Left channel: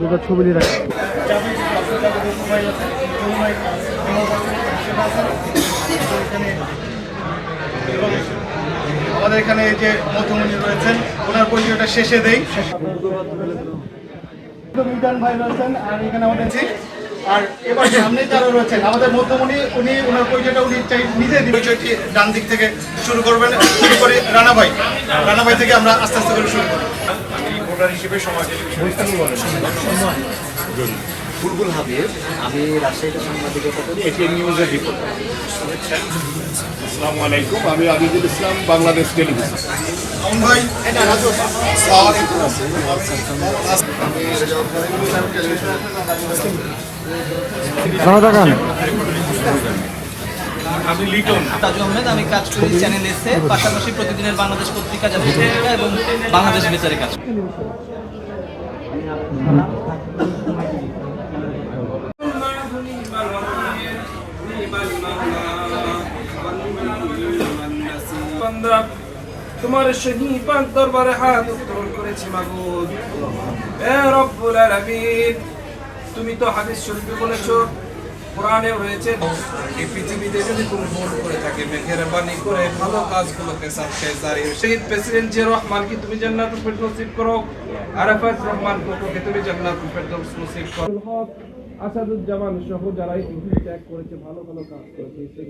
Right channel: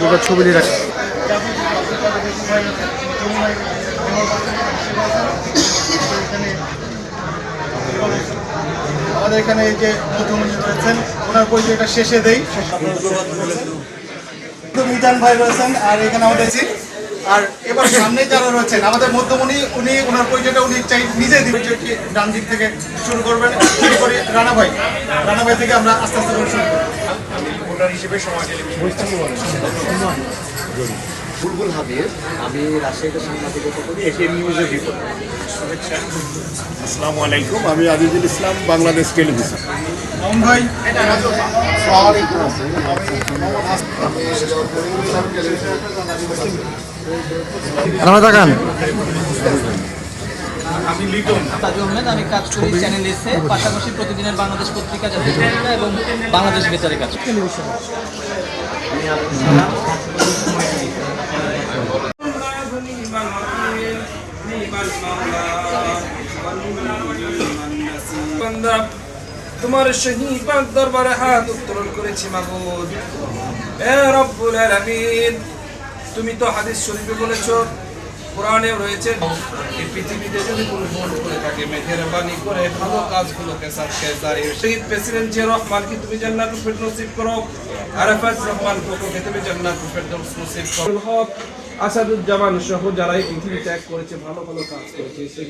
দুটো ছবি দিয়ে রাখি। আমাদের এখানে এই যে মধ্যমণি রয়েছেন, ওনার পরিচয়টা শেষে দেই। মিজান ভাই রয়েছেন, আর এখানে আমাদের আর এবার সামনে যারা রয়েছেন আমাদের মধ্যমণি, উনি ওনার পরিচয়টা উনি নিজে পরিচয়টি ডান দিক থেকে শুরু করবেন। শুরু করে রানা ভাই থেকে আমরা আস্তে আস্তে করে শুরু করি। আমি ভোটার হিসেবে বুলবুল হাবিব, আমি রাজশাহীতে সাংবাদিকতা করি, এটিএন নিউজের রিপোর্টার। আসসালামু আলাইকুম, আমি আজিজুল ইসলাম, বাংলাদেশ টেলিভিশন। ভাই আমি লিটন তাজু আহমেদ, আমি কাজ করি চ্যানেল এসে, পাশাপাশি প্রতিদিনের বাংলাদেশ পত্রিকা এবং বাংলাদেশ বেতারে কাজ করি। তোমার শহীদ পাক দরবারে হাত উত্তোলন করেছি মাবুদ। হে রব্বুল আলামিন, তুমি তো হাদিস শরীফে বলেছো, কোরআনেও রয়েছে, এই পৃথিবীতে যদি কোনো ভুল করে থাকে মেহেরবানি করে ভালো কাজগুলোকে সাথে জারি। শহীদ প্রেসিডেন্ট জিয়া রহমানকে তুমি জান্নাতুল ফেরদৌস নসিব করো, আরাফাত রহমান কোকোকে তুমি জান্নাতুল ফেরদৌস নসিব করো। আসাদুজ্জামান সহ যারা এই পৃথিবী ত্যাগ করেছে, ভালো ভালো কাজ করেছে, সেই